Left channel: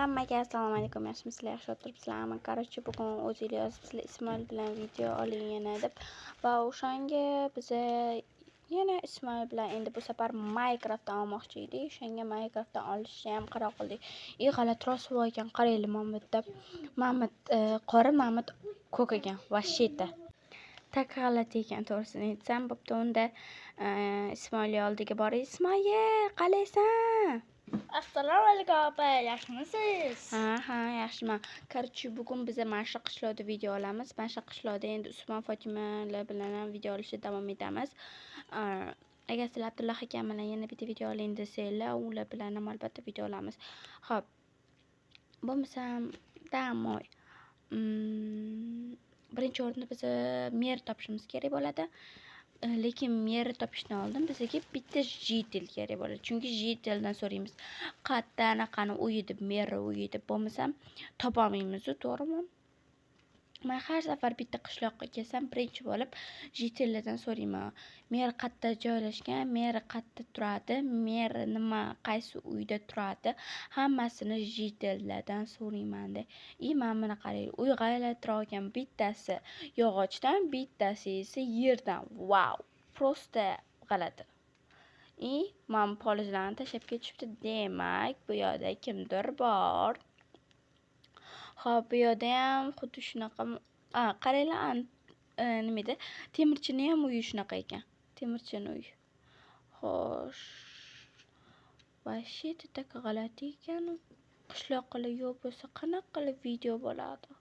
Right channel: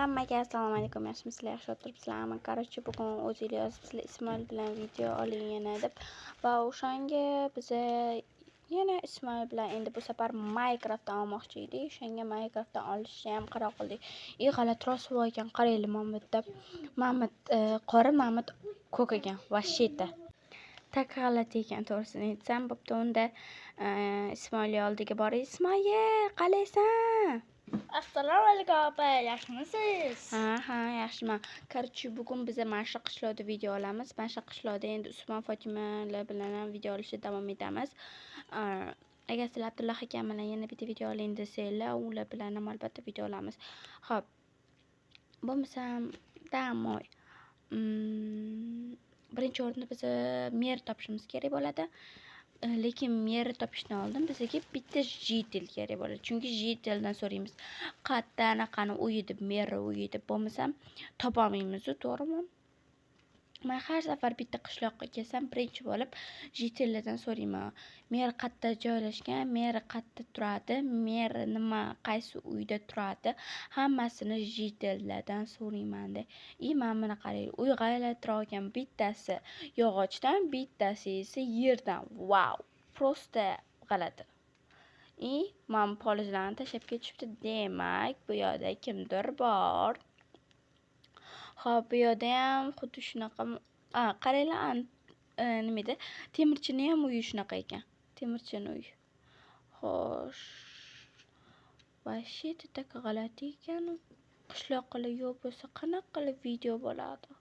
Hammaga assalomu alaykum, yaxshimisizlar, yaxshi o'tiribsizlarmi? Короче, bugun o'zinglar yozibsizlar Ismoil bilan video oling yana deb. Va o'shanga biza yana Ismoil bilan endi bu safar Minecraftdan olmoqchi edik. O'shanga Minecraftdan olishni ham qaror qildik. G'alati rosvo ekan, qaranglar Mamut deb. Mamut qora, Mamut ko'k ekan. Vashita. Tak g'alati ekan, to'g'risini aytsam, bo'pti. Unda Ismoil oldiga borib, Ismoil, qalaysan? Assalomu alaykum opa, yaxshimisiz? Ha, yaxshiman. Короче, bugun biz mana shu qishloqda video olamiz. Mana shu qishloqda endi Usmon Fotimalar bilan ham video olishda davom etamiz. Agar sizlar Abdulloh akam bilan yana bitta video oling desanglar, ular bilan ham albatta video olamiz. Xo'p. Bo'lmasam, damoy. Birinchi o'rinda biz mer topishimiz kerak bo'ladi. Lekin meri topishdan oldin bizga bitta jitel kerak bo'ladi. Chunki jiteldan so'raymiz. Qayerda anaqani uyi deb, meri uyi deb bo'lmasam topolmaymiz, to'g'rimi? Men har safar bitta qishloqqa kelsam, birinchi bo'lib jitellardan so'rayman. Mer qayerda joylashgan, mer qayerda turadi, mer nima, qaysi uyda turadi, hammasini jitellardan so'rayman-da. Mana qarang, uy g'aylatroq ekan, bittasi yog'ochdan, bittasi esa yerdan. Wow, prosta g'alati. Mana polizlarni tashlab ketishibdi. Demak, bu yerda kimdir bor. Xo'p, bu yerda ham xuddi shunaqa, qaranglar, nima edi? Temirchini ham uyi shunaqa ekan. Temirchini uyi. Xo'sh. Vashita tak g'alati ekan. Qishloq qilib yo'q bo'lsa, qanaqa qilib video bo'ladi?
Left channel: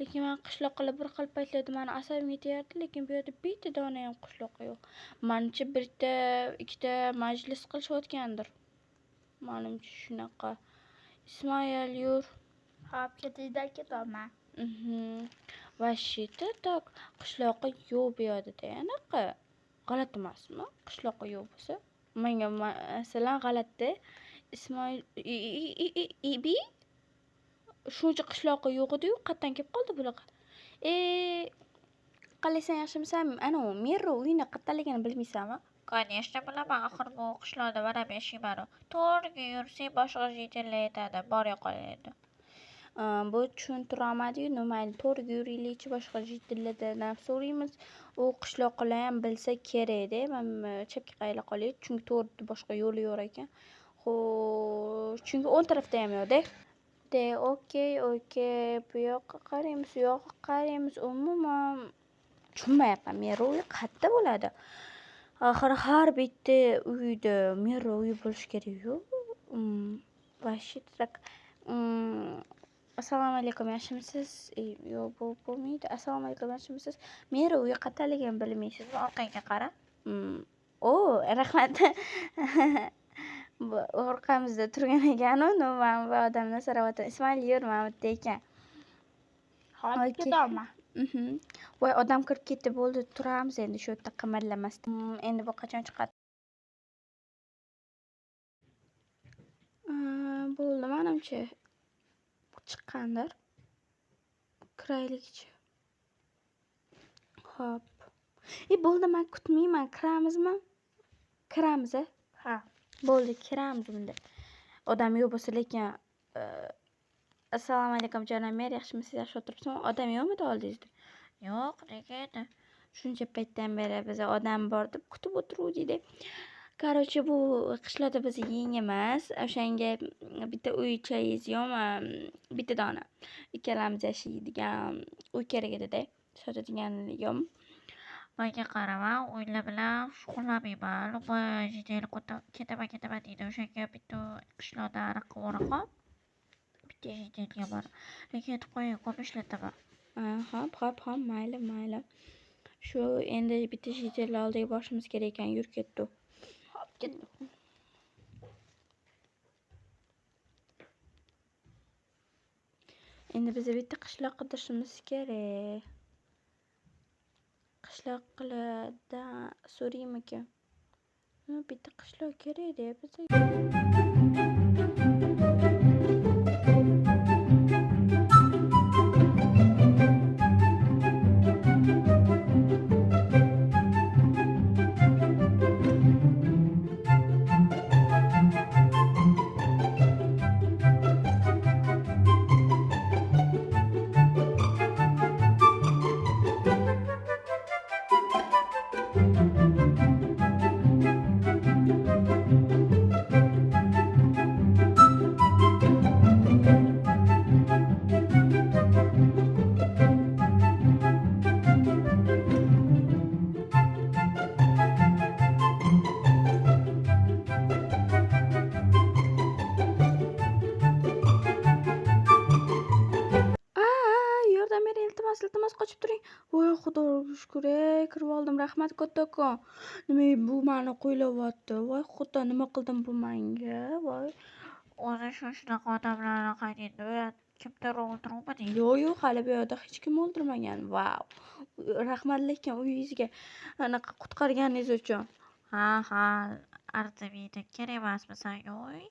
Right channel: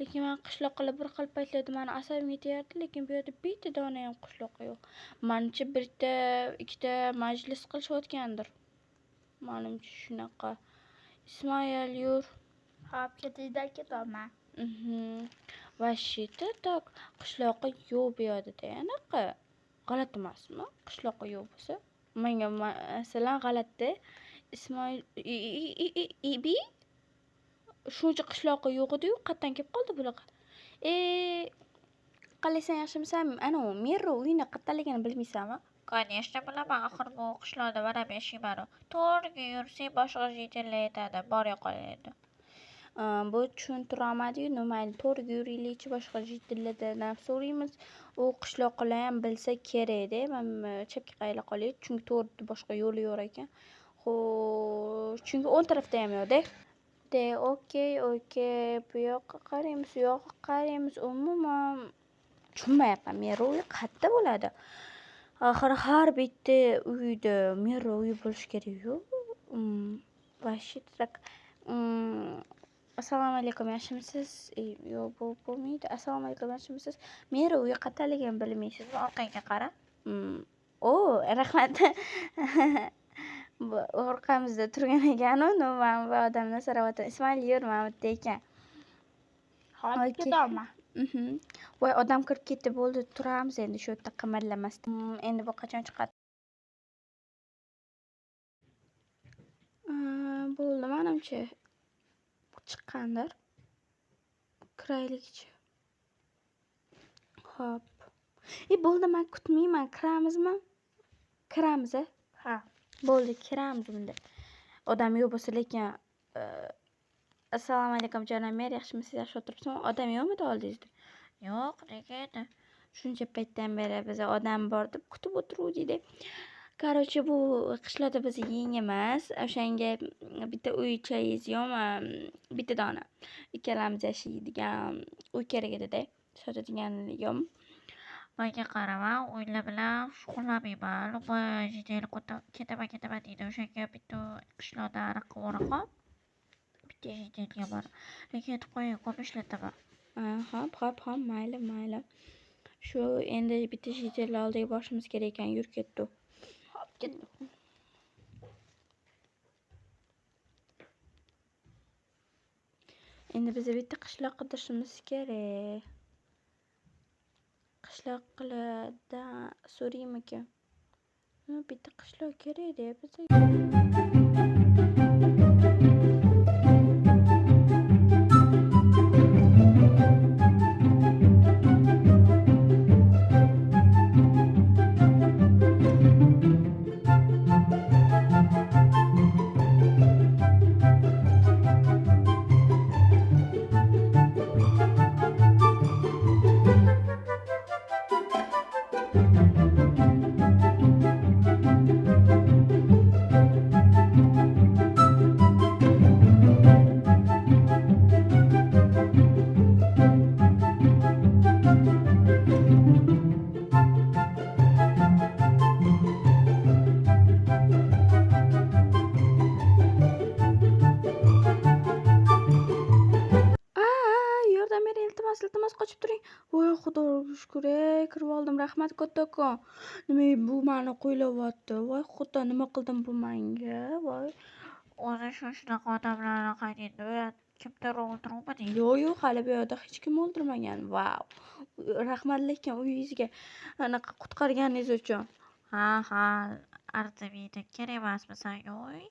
Lekin men qishloq qilib bir xil paytlarda meni asabim yetyapti, lekin bu yerda bitta dona ham qishloq yo'q. Menimcha bitta, ikkita majlis qilishayotgandir. Menimcha shunaqa. Ismoil, yur. Hop, ketayda ketaman. Vashita tak qishloqqa yo'q bu yerda anaqa. G'alati emasmi? Qishloqqa yo'q bo'lsa. Menga masalan g'alati. Ismoil ibi shuncha qishloqqa yo'q edi-yu, qayerdan kelib qoldi bular? Qalaysan, yaxshimisan? Ana u Mero uyini qayerdaligini bilmaysanmi? Конечно, bilaman. Axir bu qishloqda barab yashayman. To'g'riga yursang boshqa jitillar aytadi, bora qolaydi. Bu tushuntirolmadi-yu, mayli, to'g'riga yuraylikchi, boshqa jitillardan so'raymiz. U qishloqlar ham bilsa kerak-da. Men chapga qayla qolay, chunki to'g'ri boshqa yo'li yo'q ekan. Xo'sh, chunki o'ng tarafda ham yo'q-da. Okey. Bu yoqqa qaraymiz, u yoqqa qaraymiz. Umuman tushunmayapman. Mero uyi qayerda bo'ladi? Axir har bitta uyda mero uyi bo'lishi kerak-ku. Vashita. Assalomu alaykum, yaxshimisiz? Yo'q, bu bo'lmaydi. Assalomu alaykum, yaxshimisiz? Mero uyi qayerdaligini bilmaysizmi? Orqangga qara. Rahmat. Orqamizda turgan ekan-u, men bu odamdan so'rayapman. Ismoil, yur, Mamutda ekan. Hop, ketaman. Voy, odam kirib ketdi, bo'ldi, turamiz endi shu yerda qimirlamasdan. Endi bu qachon chiqadi? Bo'ldi, menimcha chiqqandir. Kiraylikchi. Xo'p. Bo'ldi, men kutmayman. Kiramizmi? Kiramiz, Ha. Bo'ldi, kiramiz unda. Odam yo'q bo'lsa, lekin assalomu alaykum jonon mer, yaxshimisiz? Yaxshi o'tiribsizmi? Odam yo'qmi oldingizda? Yo'q, nega edi? Shuncha paytdan beri biz odam bor deb kutib o'tiruvdik-da. Короче, bu qishloqda biz yengimiz. O'shanga bitta uy-joyingiz yo'qmi? Bitta dona. Ikkalamiz yashaydigan uy kerak edi-da. Sotadigan yo'qmi? Menga qarama, o'yinlar bilan shug'ullanmayman. Bu jitel ketaman deydi. O'shanga bitta qishloqda anaqa o'raqa. Bitta jitelga bor. Lekin aytib qo'ying, ko'p ishlataman. Hop, mayli. Shu endi bitta jitel oldiga borishimiz kerak ekan, yur ketdik. Hop, ketdim. Endi biz bitta qishloq qidirishimiz kerak. Qishloqlarda so'raymikan? Bitta qishloq kerak-da bizga. iltimos qochib turing. Voy xudoga shukr, kirib oldim. Rahmat kattakon. Nima bu meni qo'ylayapti? Voy xudo, nima qildim bu menga? Voy. O'zi shunaqa odamlarni qaydida kimdir o'ldiruvmidi? Yo'q, hali bu yerda hech kim o'ldirmagan. Vau. Rahmat lekin uyingizga anaqa qutqarganingiz uchun. Ha, arzimaydi. Kerak emasmi senga uy?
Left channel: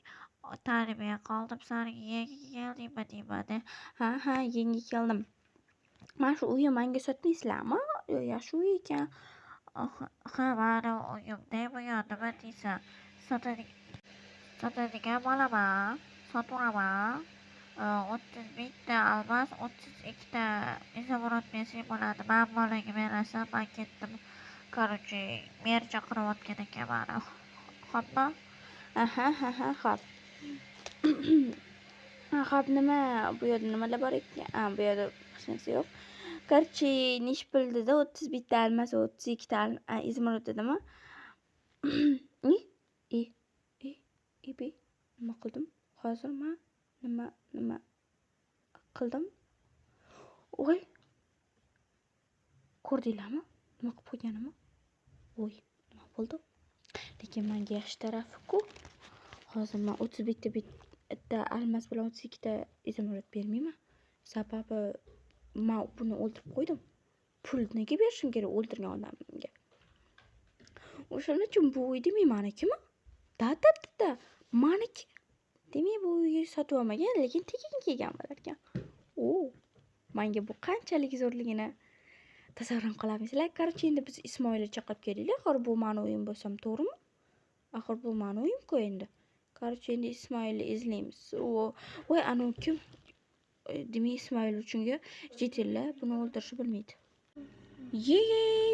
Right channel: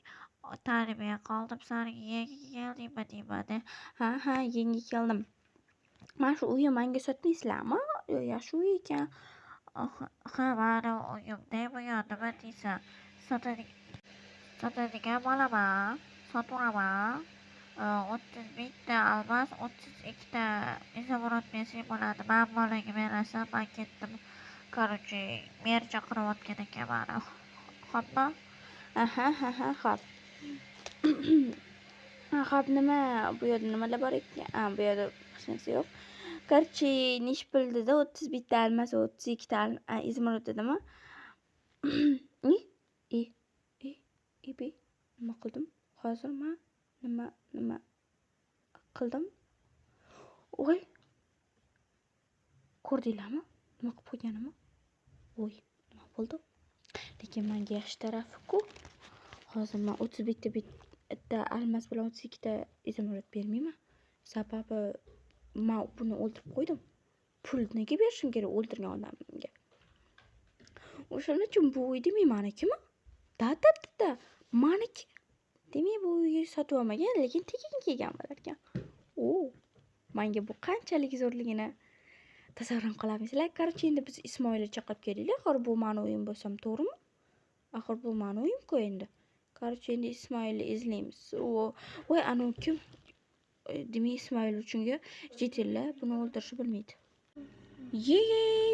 Tarbiya qildim seni yeldingmi deyman. Ha, yengi keldim. Mana shu uyni menga sotmaysizlarmi? Yaxshi uy ekan. Ha, mani uyimda bu nima deysan? Sotadigan bo'laman. Soturaman. 30 mingta almas, 32 ta izumrud bersang bo'ladi. Men bolaga berasan, men ketdim. Короче, mer chaqirayotgan ekan mani. Xo'pmi? Ha, xo'p. Xo'p, nima bu yerda nimalar bor ekan? Bu yerda hech narsa yo'q. Короче, nechi pul dedi? 31 ta almas, 32 ta izumrud dedimi? Nima qildim? Hozir men nima qildim? Voy. Ko'rdinglarmi? Nima qilib qo'yganimni? Voy, nima bo'ldi? Lekin menga yaxshi tarafi-ku. Hozir men 31 ta almas bilan 32 ta izumrud bermayman. Sababi men buni o'ldirib qo'ydim. Pul nega berishim kerak o'ldirgan odamga? O'shaning uchun bu uy demay meniki-mi? Da. Meniki. Demak bu uyni sotib olmagan, lekin tekin kelgan bo'lar ekan. Menga bu qanchalik zo'rligini tasavvur qilamisizlar? Короче, endi biz Ismoilni chaqirib kelaylik. Axir bu meni uyim bo'lsam, to'g'rimi? Axir bu meni uyim-ku endi. Короче, endi Ismoilni izlaymiz. Voy, anu kim? Demak, Ismoil uchunga jetellar buni o'ldirishni bilmaydi.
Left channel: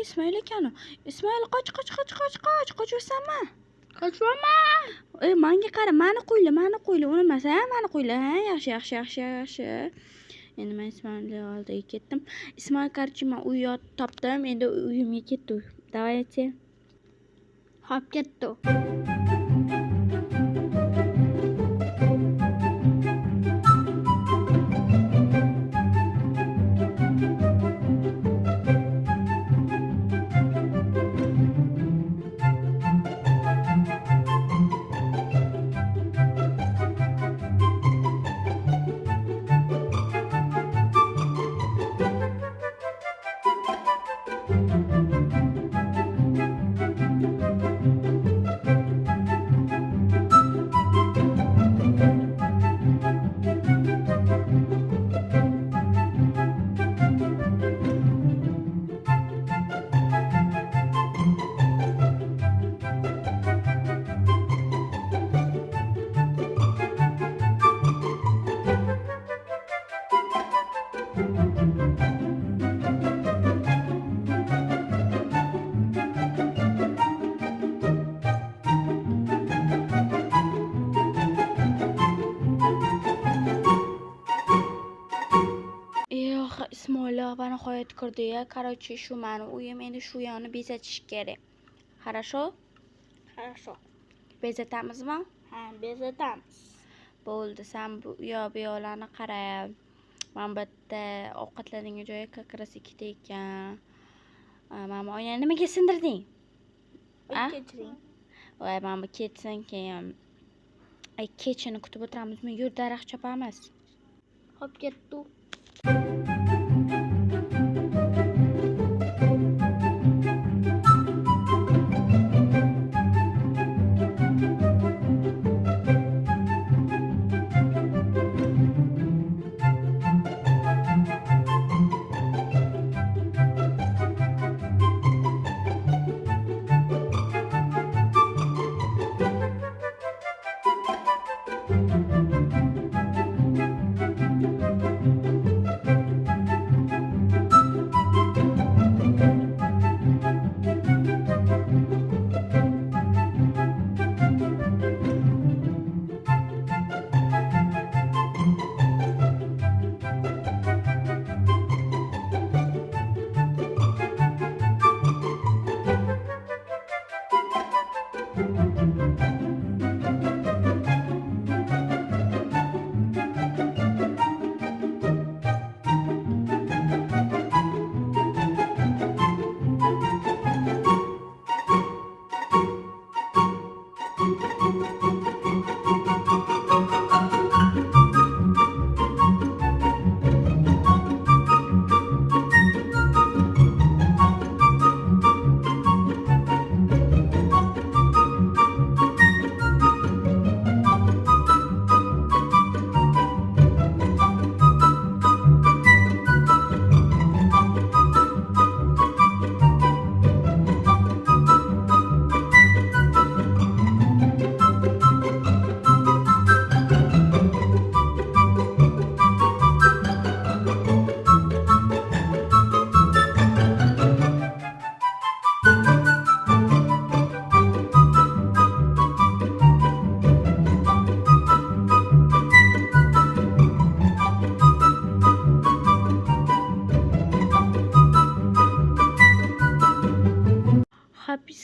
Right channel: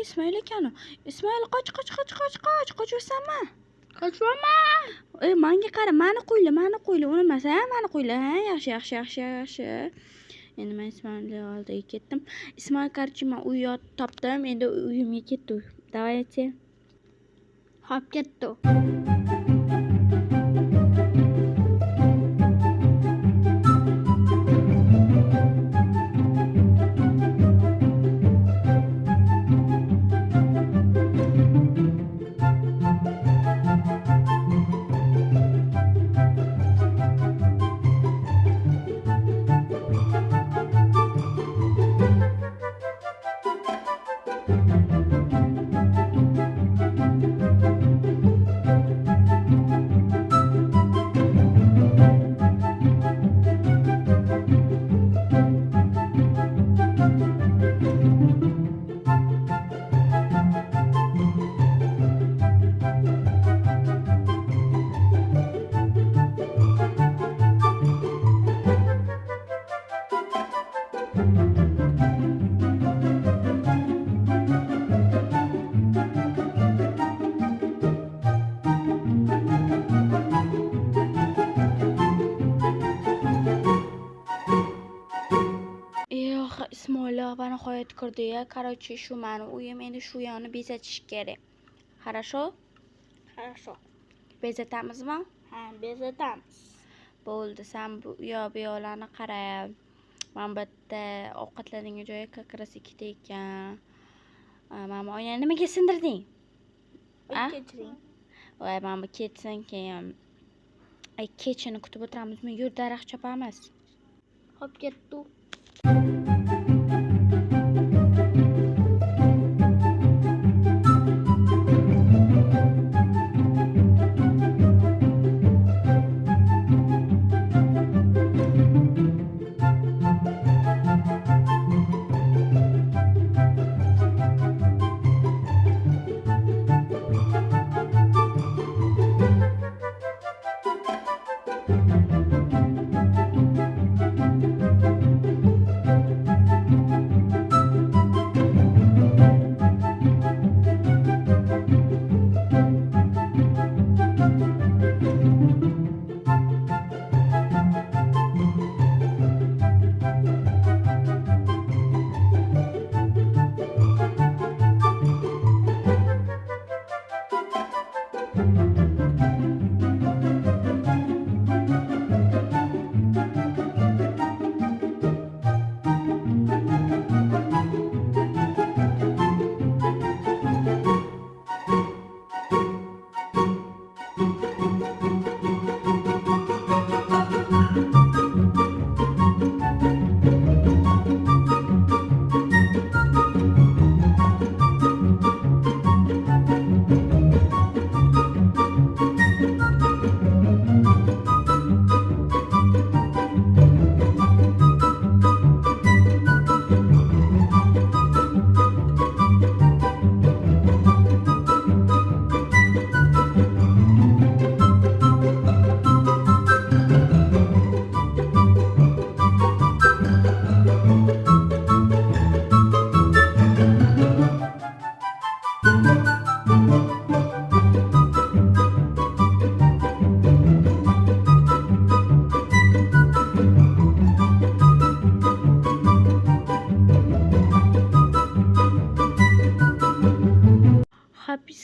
Ismoil ekan. Ismoil qoch. Qochursanmi? Qochmayman. Menga qara, meni qo'yla, unutmasa, meni qo'yla. Ha, yaxshi. Endi men Ismoilni oldiga ketdim. Ismoil, короче, men uy topdim. Endi uyimga ketdi. Давайте. Xo'p, ketdi. Ismoil va nihoyat kirdi-ya. Короче, shu meni uyim, endi shu yoqni bezatish kerak. Хорошо? Bezatamizmi? Ha, bezatamiz. Bo'ldi, sen bu yoqlarni qara. Men bitta ovqatlanadigan joyi kakras ikkita ekan. Mana oynani nimaga sindirding? Kechiring. Voy, mana bu ketsin keyin. Kechini kutib o'tiramizmi? Yur, daraxt chopamiz. Xo'p, ketdi.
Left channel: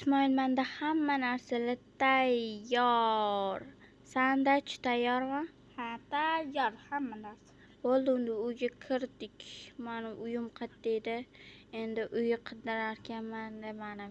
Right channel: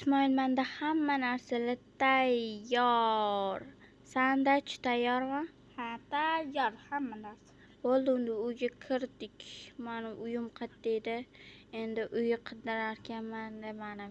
Ismoil, menda hamma narsalar tayyor. Sanda-chi tayyormi? Ha, tayyor hamma narsa. Bo'ldi, unda uyga kirdik. Mani uyim qayerda edi? Endi uyga qidirar ekanman mana.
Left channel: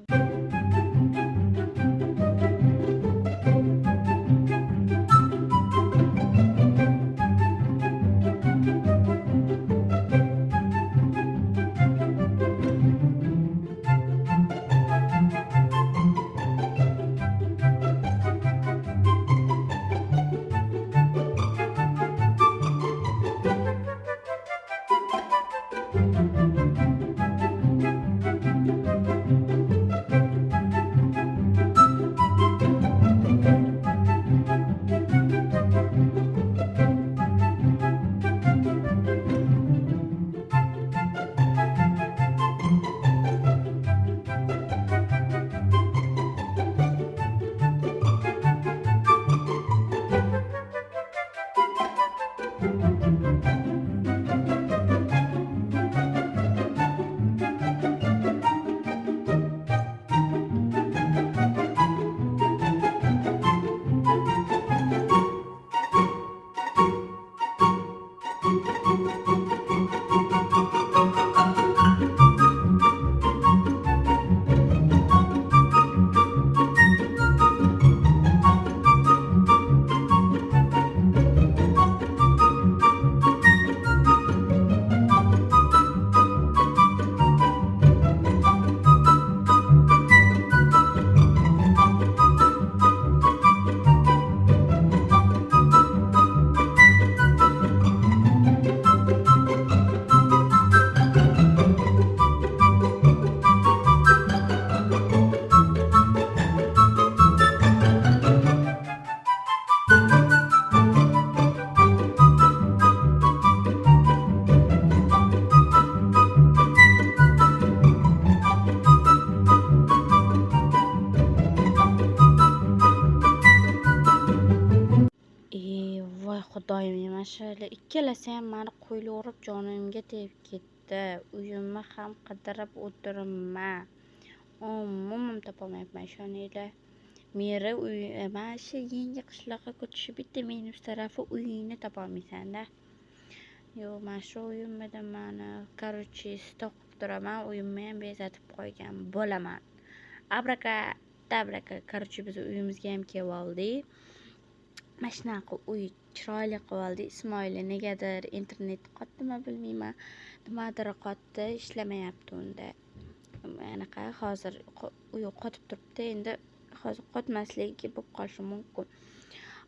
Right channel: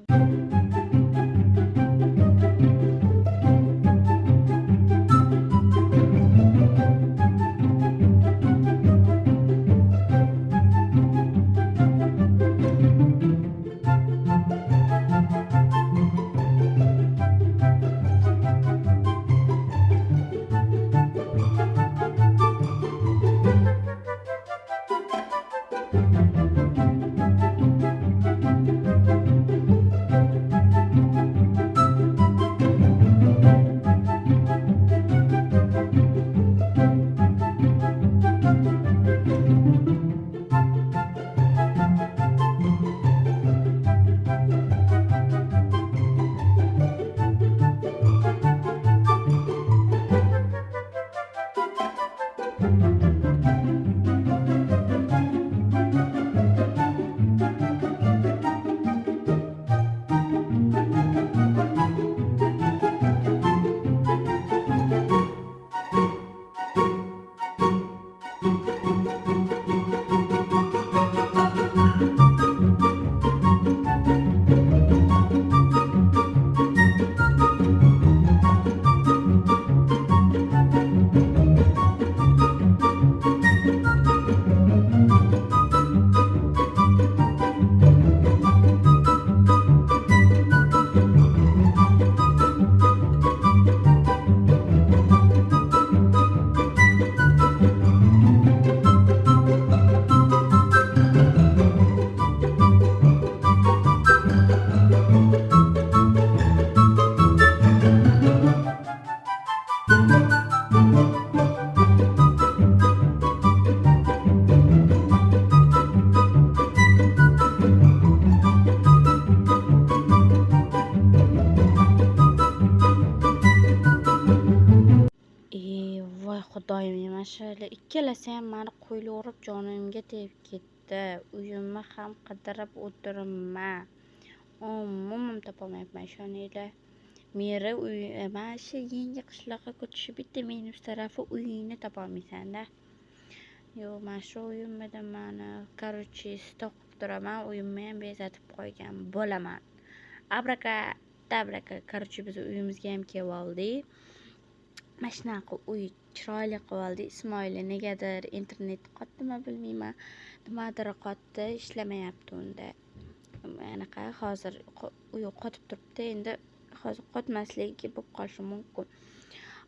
Voy xudoyim, mashallah ikkalasi ham mani qo'yli urib jonimga tegib ketdi. Uyimni ham qidirib o'tiribman. Umuman topolmayapman ishoninglar. Meri uy mana shu yangi qishloqqa ko'chishi bitta minus tarafi uyingni topolmaysan-da. Yo'q, mana shu uyimda mani короче stok qilib turaman, uyimni ham bezatib qo'ygan bo'laman. Abraka, короче biz uyimizga ham kelib oldik. Mana shunaqa uy chiroyli qilib oldik. Ismoil negadir internet qotdimi bilmayman. Nimadir qotdi, ishlamayapti unda. Anaqa hozir uy qotib turibdi. Endi hozir qotmasligi bo'lib qolishi mumkin.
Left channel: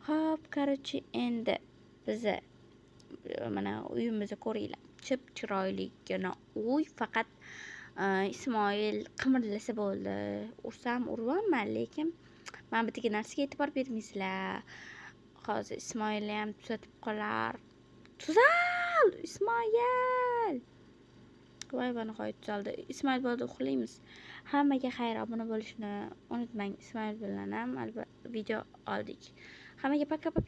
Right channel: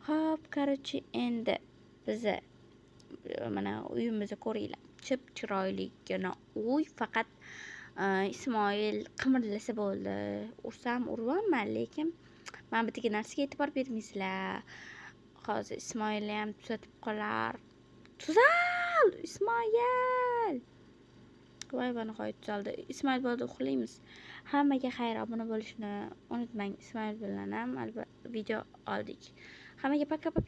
Xo'p, короче endi biza mana uyimizni ko'ringlar. Chip chiroyligina uy, faqat Ismoil qimirlasa bo'ldi. Ursam urvanman, lekin men bittaga narsaga e'tibor bermaysizlar. Hozir Ismoilni ham tuzatib qolar. Tuzal! Ismoil! Voy, bana qo'yib tuzaldi. Ismoil bo'ldi, uxlaymiz. Hammaga xayr, obuna bo'lishni unutmang. Ismoil bilan ham albatta video oldik. Hammaga paka-paka.